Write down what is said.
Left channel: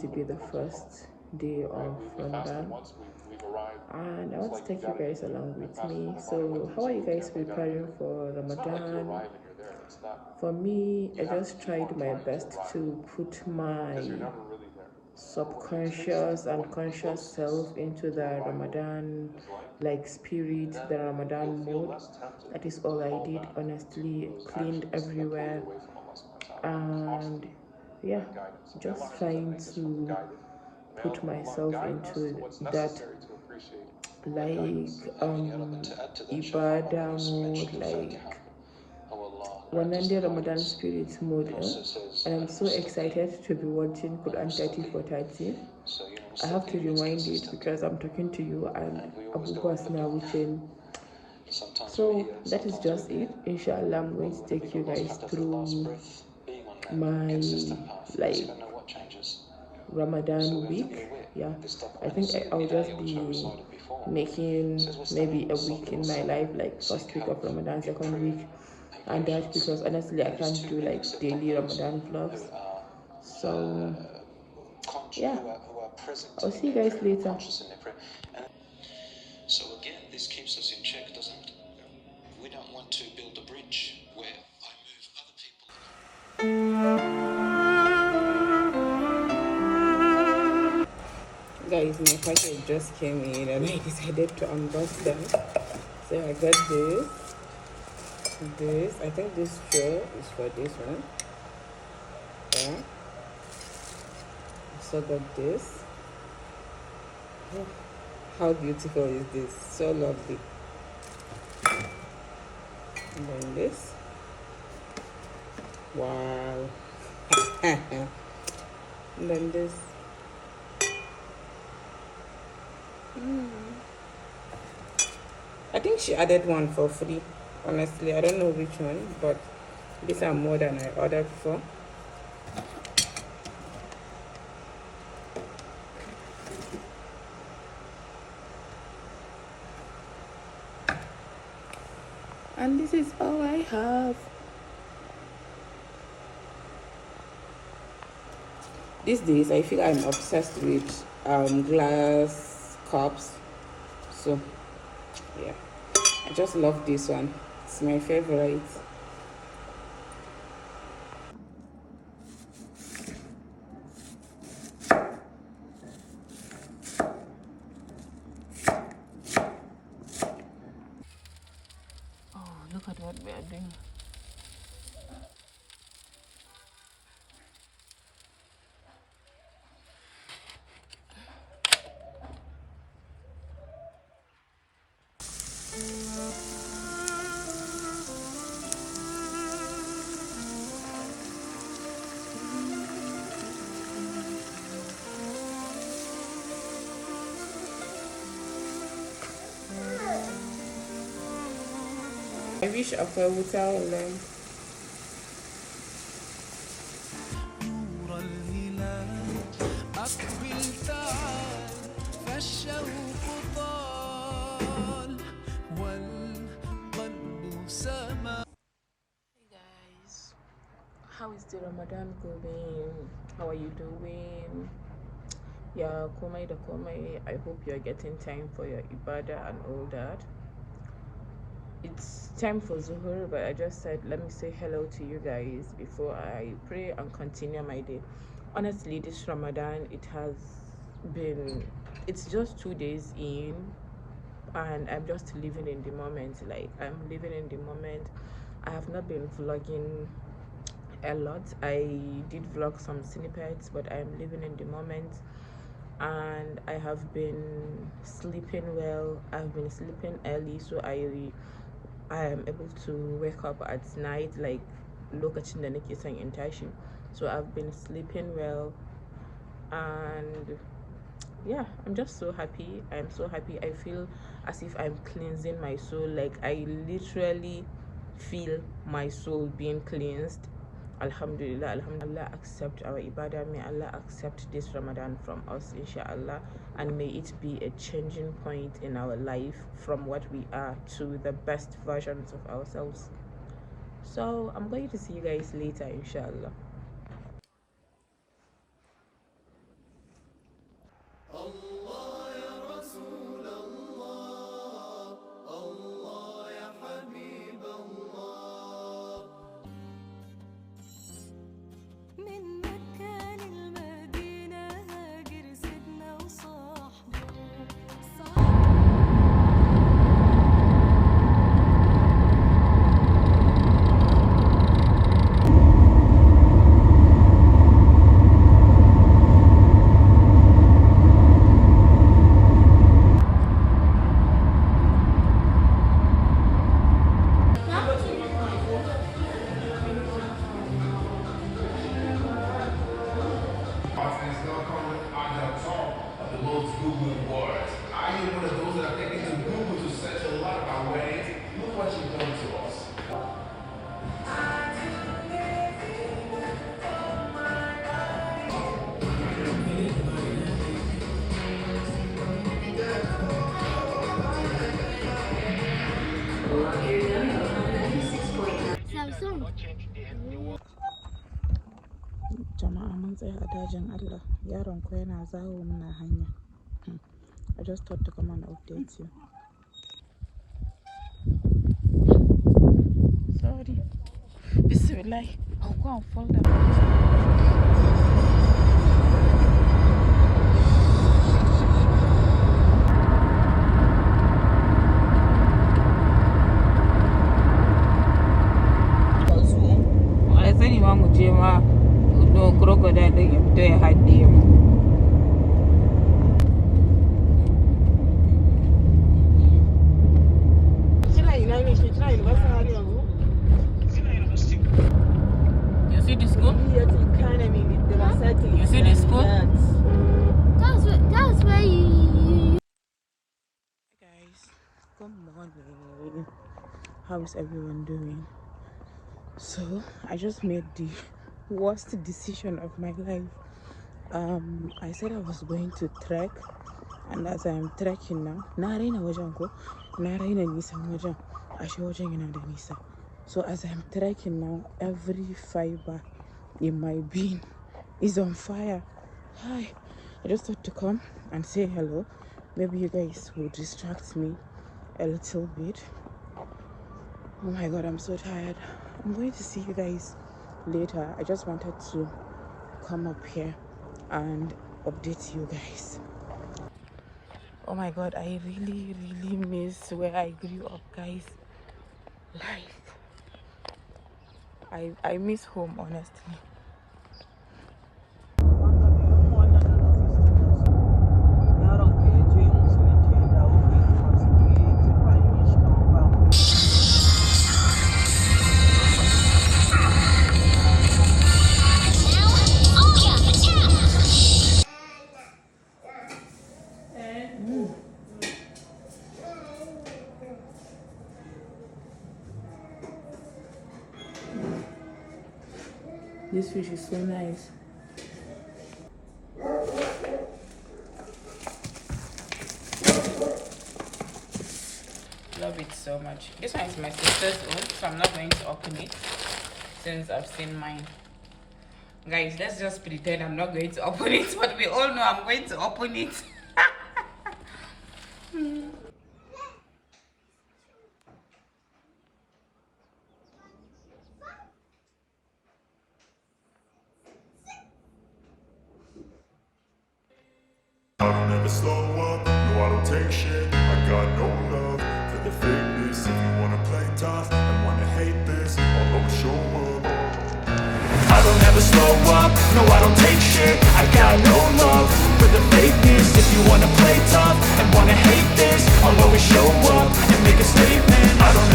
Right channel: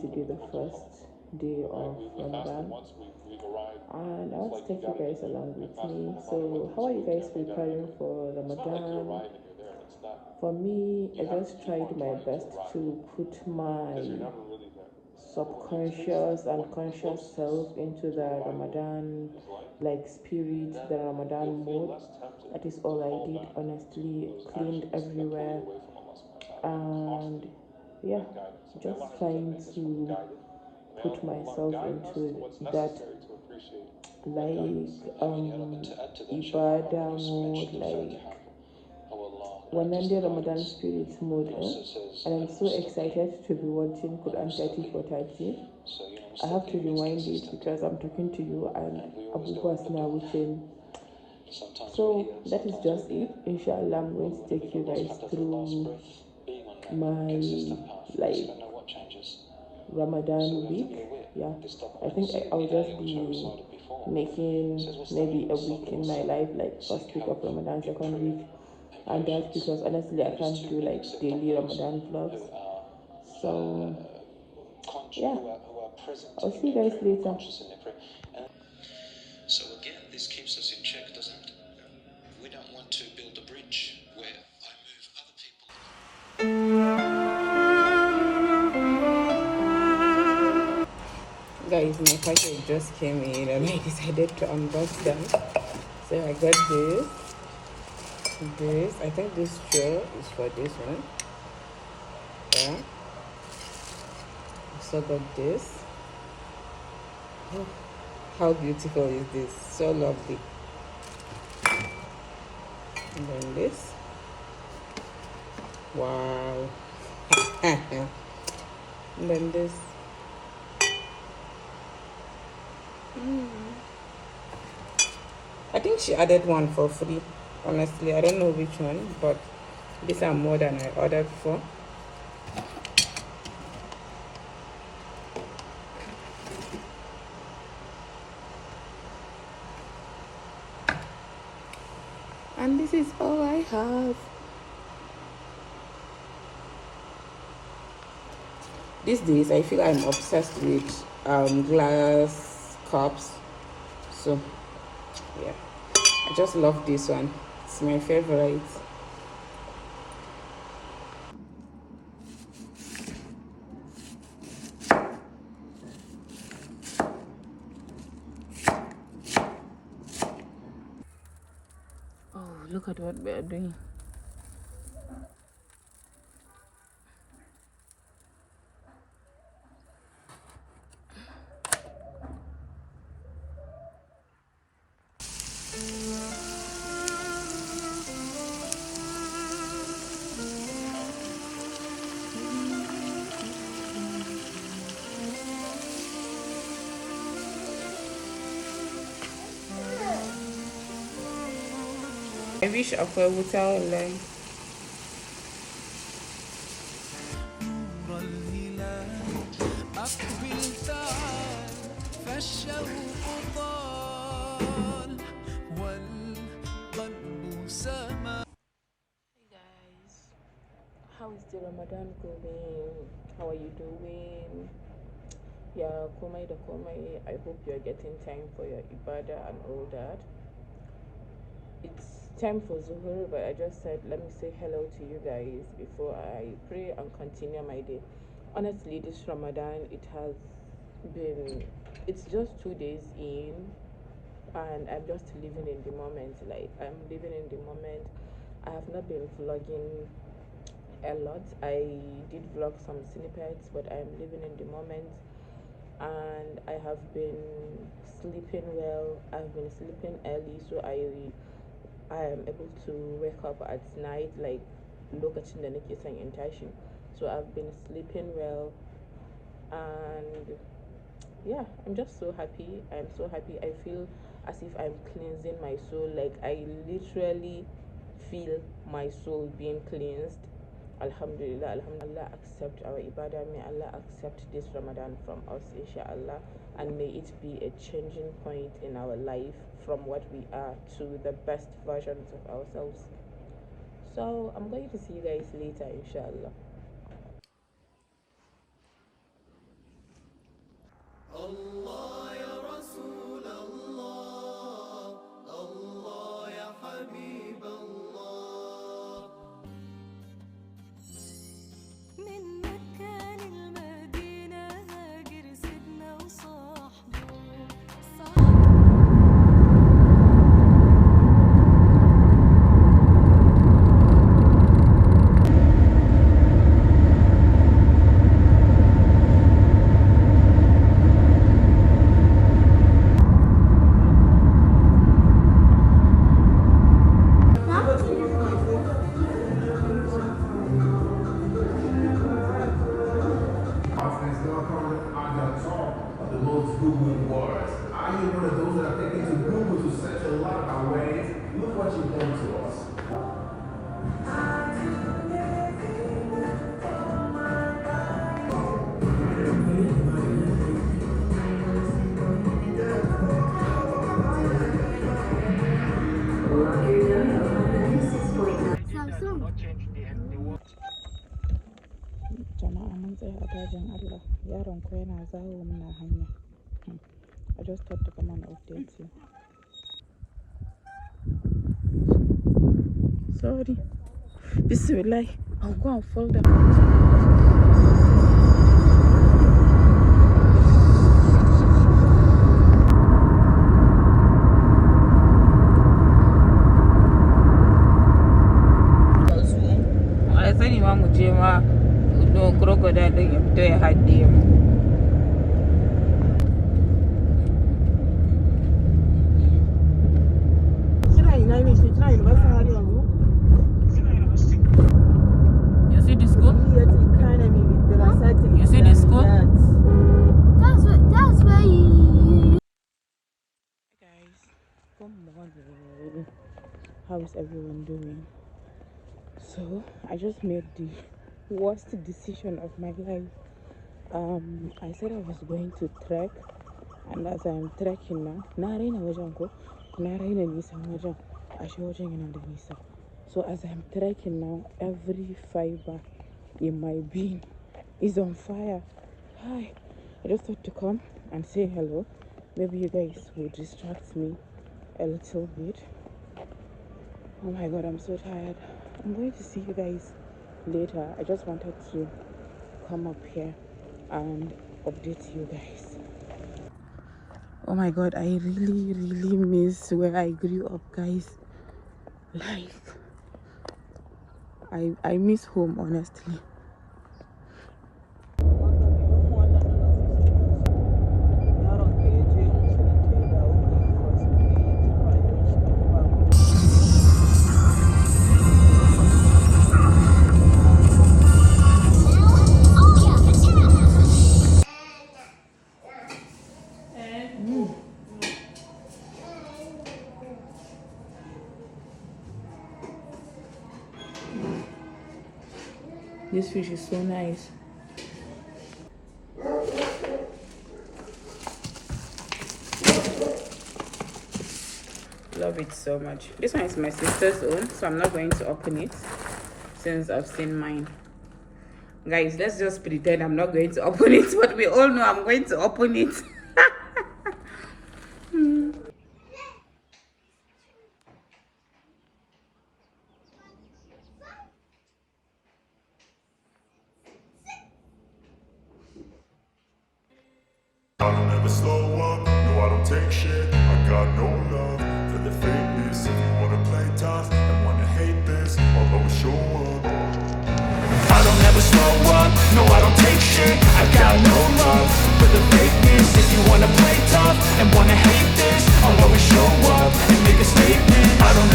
to be the first day of Ramadan, and I want to take you guys along with me. So, how are you guys preparing for Ramadan? For me, I just tried my best to put my subconscious and conscious self into the Ramadan like spirit, the Ramadan mood. That is all I did, honestly. Cleaned everywhere, and yeah, just trying to put myself into that like ibadah mode, like one day Ramadan spirit mode, and I'm so excited to be watching Quran 30 for 30. I have to rewind it because I'm talking to you and Abu Bakr now watching. So that is just it. Inshallah, I'm going to take you guys through my like Ramadan week. Yeah, I think I'll just be making maybe a week in my life, like first week of Ramadan, second week, and that because honestly I can't do like daily Ramadan vlogs. So yeah, I'll see you guys later. So again, this keeps us in check, doesn't it? We don't want to build a bridge where I move other people Guys, my package just came in and I decided to unbox them. So I got this. I think this straw is for this one. Yeah. So got this. Oh, how beautiful is this? So lovely. And then this. Wow. And then this. I think she added one for free. Honestly, I don't know which one, but these are more than I ordered for. And this is all I have. These days, I feel I'm obsessed with glass cups. So, yeah, I just love this one. It's my favorite. Oh, look at what we are doing. I wish Afa would tell them. نور الهلال أقبل تعال فالشوق طال والقلب سما. Guys, how is the Ramadan going? How are you doing? Yeah, Komai the Komai. I hope you're getting time for your ibadah and all that. It's time for Zuhur, but I just said let me say hello to you guys before I pray and continue my day. Honestly, this Ramadan, been, it's just 2 days in, and I'm just living in the moment. Like, I'm living in the moment. I have not been vlogging a lot. I did vlog some snippets, but I'm living in the moment, and I have been sleeping well. I've been sleeping early, so I am able to wake up at night, like lokacin da nake son in tashi. So I've been sleeping well, and yeah, I'm just so happy. I'm so happy. I feel as if I'm cleansing my soul. Like, I literally feel my soul being cleansed. Alhamdulillah, Alhamdulillah, accept our ibadah. May Allah accept this Ramadan from us, inshallah, and may it be a changing point in our life from what we are to the best versions of ourselves. So I'm going to see you guys later, inshallah. Google Wars. Are you one of those that are taken to Google to search a lot of ways? Look what you've done to us. Jama'a mun tsaya a dajin Allah. Yaron ko yana zawo muna hanya. I just thought to come and update you. Sorry. Bismillah. I'll go and fall down. I sani ma mu je ma crocodile din ya fito ya haɗe mu. You see the school? You see the school? That's where you. Guys, good morning. How is everyone doing? So I just made the worst decision of my life. I said I was going to trek, and as I am trekking now, na raina wajen ko, na raina nisan wajen, ashe wajen yana da nisa. So as I'm trekking now, every fiber in my being is on fire. Hi, I just thought to come and say hello. Maybe you guys will distract me a little bit. Oh my god, I'm so tired. I'm going to see you guys later. I just wanted to come up here and update you guys. Oh my god, I really miss where I grew up, guys. Like, I miss home, honestly. This fish is so nice. Love it so much. This one is my sister's own, so I'm not going to open it since I've seen mine. Guys, let's just pretend I'm not going to open it, but we all know I'm going to open it. I don't ever slow up, no I don't take shit. I got no love for the fakeness. If you wanna play tough and wanna hate this, I'll always show up. I don't ever slow up, no